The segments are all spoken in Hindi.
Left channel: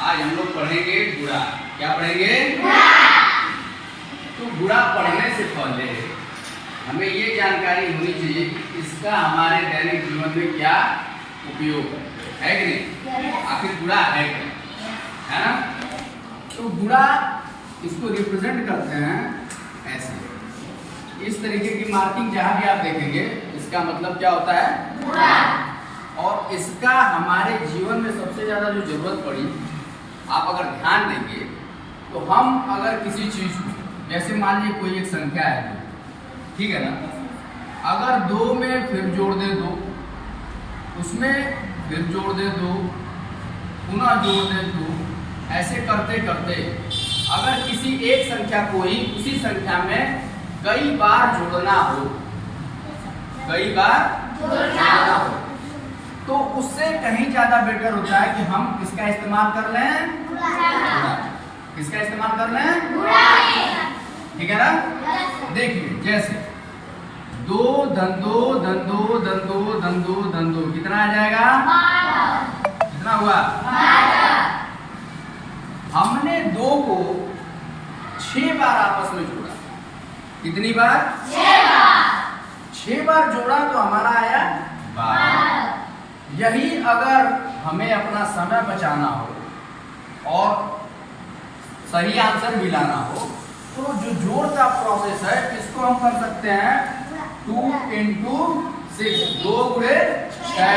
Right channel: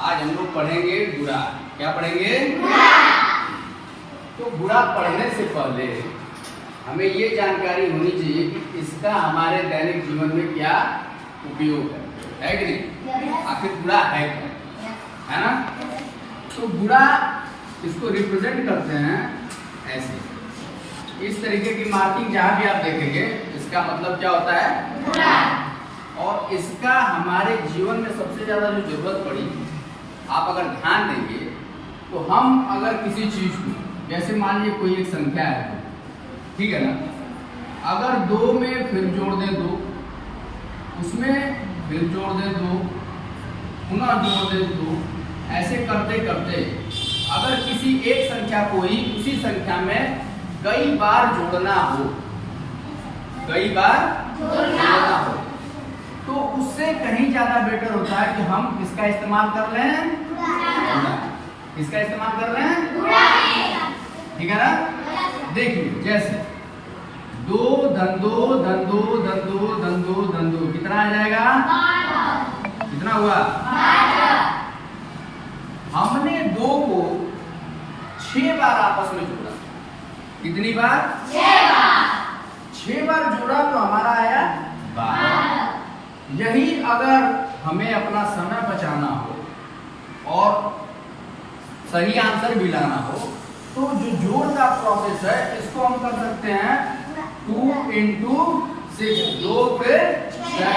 आज हम लोग पढ़ेंगे गुणा। क्या पढ़ेंगे? तो गुणा पढ़ने से पहले हमें ये जानकारी होनी चाहिए कि इसका हमारे दैनिक जीवन में क्या उपयोग है कि नहीं? आखिर गुणा है क्या? है ना? तो गुणा इसको रिप्रेजेंट करते हैं ऐसे, इस तरीके की मार्किंग जहां भी आप देखेंगे इसका मतलब क्या होता है? और इसका हमारे जीवन में सबसे ज्यादा जो जरूरत पड़ी, आप अगर ध्यान देंगे तो हम अगर किसी चीज को, जैसे मान लीजिए कोई एक संख्या है, ठीक है ना, अगर 2 में फिर जोड़ दे 2, उसमें फिर जोड़ दे 2, पुनः जोड़ दे 2, ऐसे करते करते अगर किसी एक संख्या को ही उसी संख्या में कई बार जोड़ना हो, तो उससे कहीं ज्यादा बेटर होता है कि हम किसका इस्तेमाल कर लें? किसका इस्तेमाल कर लें? ठीक है ना? देखिए जैसे 2 धन 2 धन 2 धन 2 धन 2 धन 2 कितना आ जाएगा? 12। कितना हुआ? 12। हमने 2 को 6 बार आपस में जोड़ा। कितनी बार? 6 बार। 6 बार जोड़ा तो हमारा आया 12। यही अगर हमें अपना समय बचाना हो और सही आंसर भी लाना हो, तो जो जोड़ का प्रोसेस है इसको हम कर सकते हैं 2 × 6, 2 गुणे 6,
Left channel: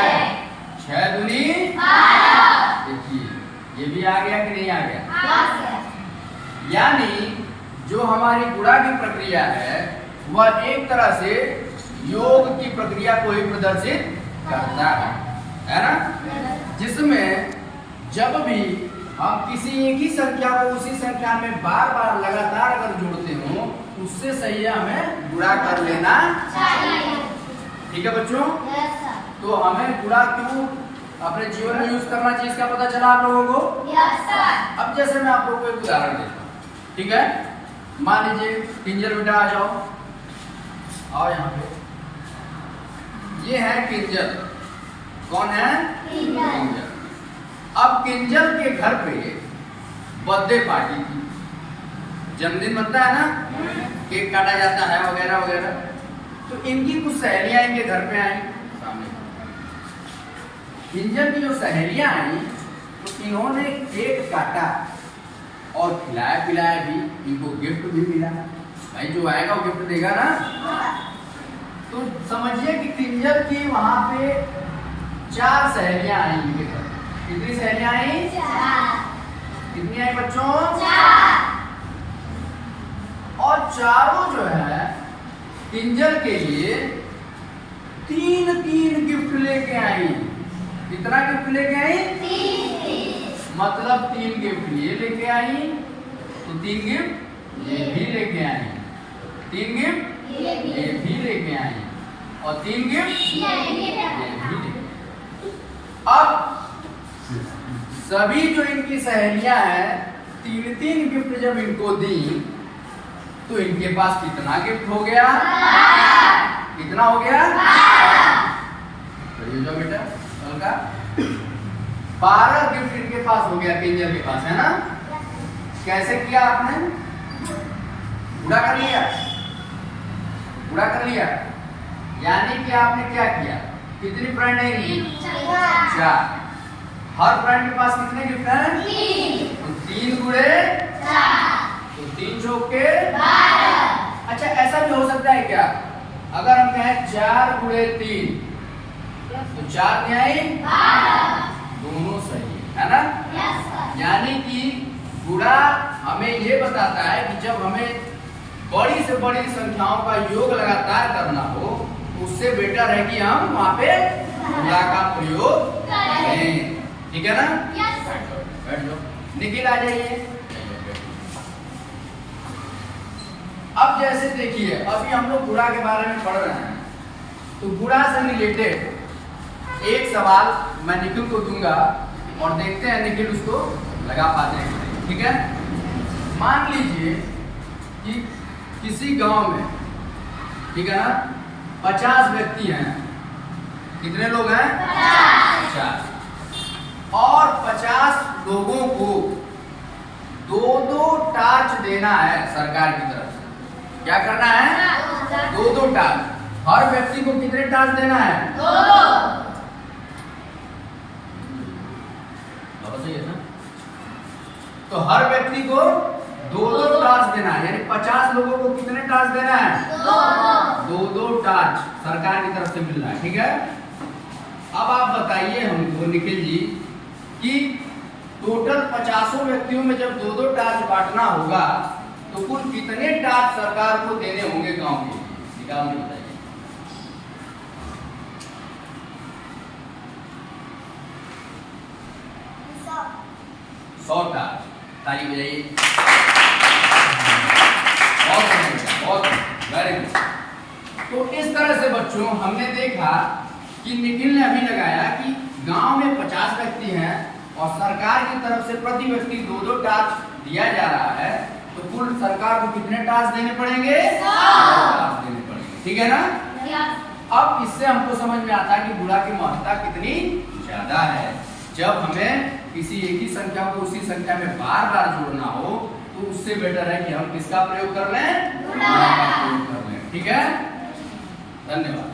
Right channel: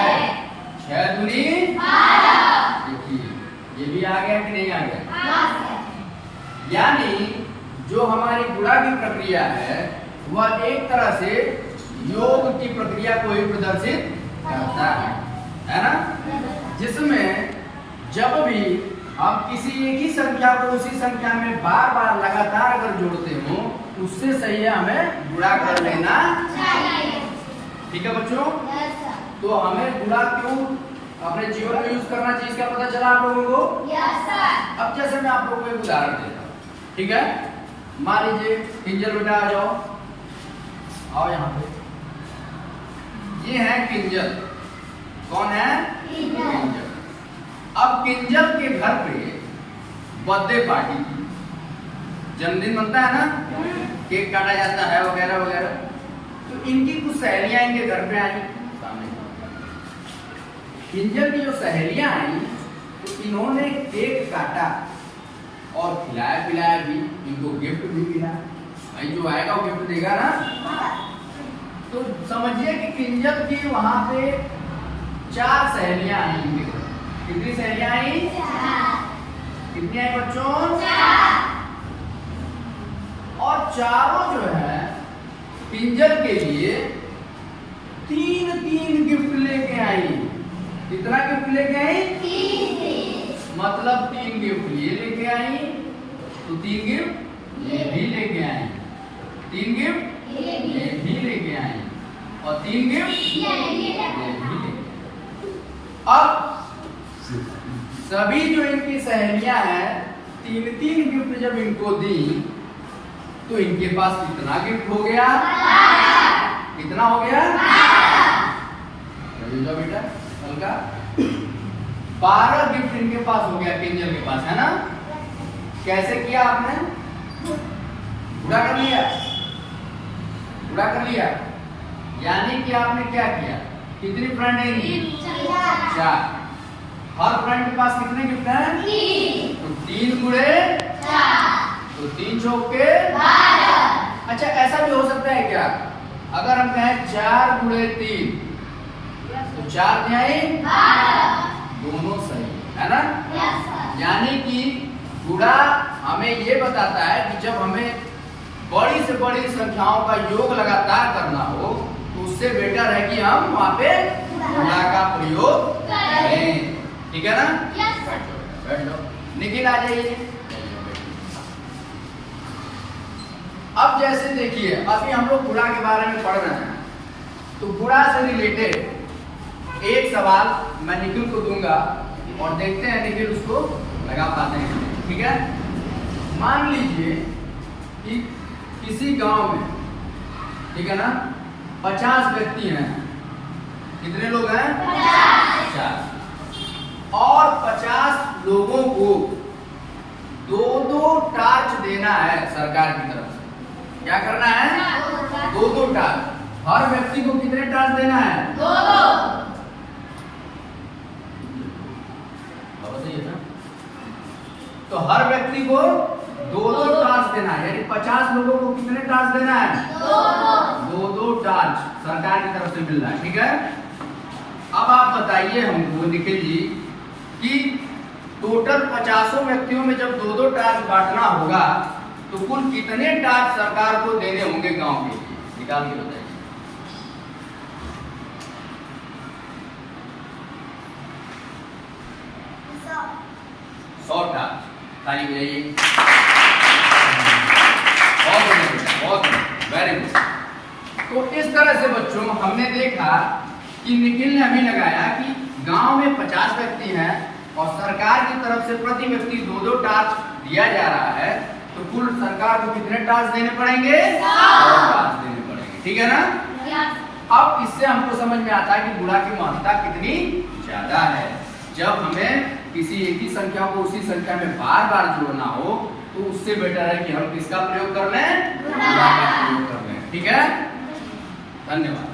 6 दूनी 12। देखिए ये भी आ गया कि नहीं आ गया? यानी जो हमारी गुणा की प्रक्रिया है वह एक तरह से योग की प्रक्रिया को ही प्रदर्शित करता है ना? जिसमें जब भी हम किसी एक ही संख्या को उसी संख्या में बार बार लगातार अगर जोड़ते हो, उससे सही है हमें गुणा कर लेना चाहिए। ठीक है बच्चों? तो हमें गुणा क्यों अपने जीवन में यूज करना चाहिए, इसका पता चला आप लोगों को? अब जैसे मैं आप लोगों को एक उदाहरण देता हूँ, ठीक है? मान लीजिए किंजल बेटा आ जाओ, आओ यहाँ पे। ये है किंजल। कौन है? किंजल। अब किंजल के घर पे बर्थडे पार्टी थी, जन्मदिन बनता है ना, केक काटा जाता है वगैरह वगैरह। तो इनकी कुछ सहेलियां इनके घर पे आई सामने। किंजल की जो सहेलियां आई तो इन्होंने केक काटा और खिलाया पिलाया भी, इनको गिफ्ट भी मिला। भाई जो आएगा वो गिफ्ट देगा ना। तो समझिए कि किंजल की वहां पे 4 सहेलियां आई इनके घर। कितनी सहेलियां आई? 4। कितनी आई बच्चों? 4। और चारों जो है किंजल के लिए 3 गिफ्ट लेके आई। कितना गिफ्ट लेके आई? 3। मतलब 3 गिफ्ट ये लेके आई, तो 3 गिफ्ट ये भी लेके आई, 3 गिफ्ट ये भी लेके आई, और 3 गिफ्ट ये भी लेके आई। अब सभी जो इनकी सहेलियां हैं 3 गिफ्ट जब इनको दी, तो इनके पास कितना गिफ्ट हो गया? कितना हो गया? जाओ बेटा हल्का। 12 गिफ्ट इनके पास हो गया, किंजल के पास, है ना? कैसे किया आपने? गुणा कर लिया। गुणा कर लिया यानी कि आपने क्या किया? कितनी फ्रेंड है इनकी? 4। हर फ्रेंड के पास कितने गिफ्ट हैं? 3। तो 3 गुणे 4, तो 3 चौके 12। अच्छा ऐसा भी हो सकता है क्या, अगर हम कहें 4 गुणे 3, तो 4 न्याय 12। दोनों सही है ना? यानी कि गुणा हमें ये बताता है कि जब हमें बड़ी से बड़ी संख्याओं का योग लगातार करना हो, तो उससे बेटर है कि हम वहां पे गुणा का प्रयोग करें। ठीक है ना? बैठ जाओ। निखिल आ जाइए। अब जैसे देखिए अभी हम लोग गुणा के बारे में पढ़ रहे हैं, तो गुणा से रिलेटेड एक सवाल मैं निखिल को दूंगा और देखते हैं निखिल उसको लगा पाते हैं। ठीक है? मान लीजिए कि किसी गांव में, ठीक है ना, 50 व्यक्ति हैं। कितने लोग हैं? 50। और 50 लोगों को देना है सरकार की तरफ से। क्या करना है? 2 टास्क। हर व्यक्ति को कितने टास्क देना है? 2। सही है ना? तो हर व्यक्ति को 2 टास्क देना है, यानी 50 लोगों को कितने टास्क देना है? 2 टास्क सरकार की तरफ से मिल रहा है। ठीक है, अब आप बताइए हमको निखिल जी कि टोटल 50 व्यक्तियों में जब 2 टास्क बांटना होगा तो कुल कितने टास्क सरकार को देने होंगे गांव के? निकाल के बताइए। 100 टास्क। ताली बजाइए। बहुत वेरी गुड। तो इस तरह से बच्चों हमने देखा कि निखिल ने अभी लगाया कि गांव में 50 व्यक्ति हैं और सरकार की तरफ से प्रति व्यक्ति 2 टास्क दिया जा रहा है, तो कुल सरकार को कितने टास्क देने पड़ेंगे? 100 टास्क देने पड़ेंगे। ठीक है ना? अब इससे हमको समझ में आता है कि गुणा की महत्ता कितनी ज्यादा है। जब हमें किसी एक ही संख्या को उसी संख्या में बार बार जोड़ना हो तो उससे बेटर है कि हम किसका प्रयोग कर लें? गुणा का प्रयोग कर लें। ठीक है, धन्यवाद।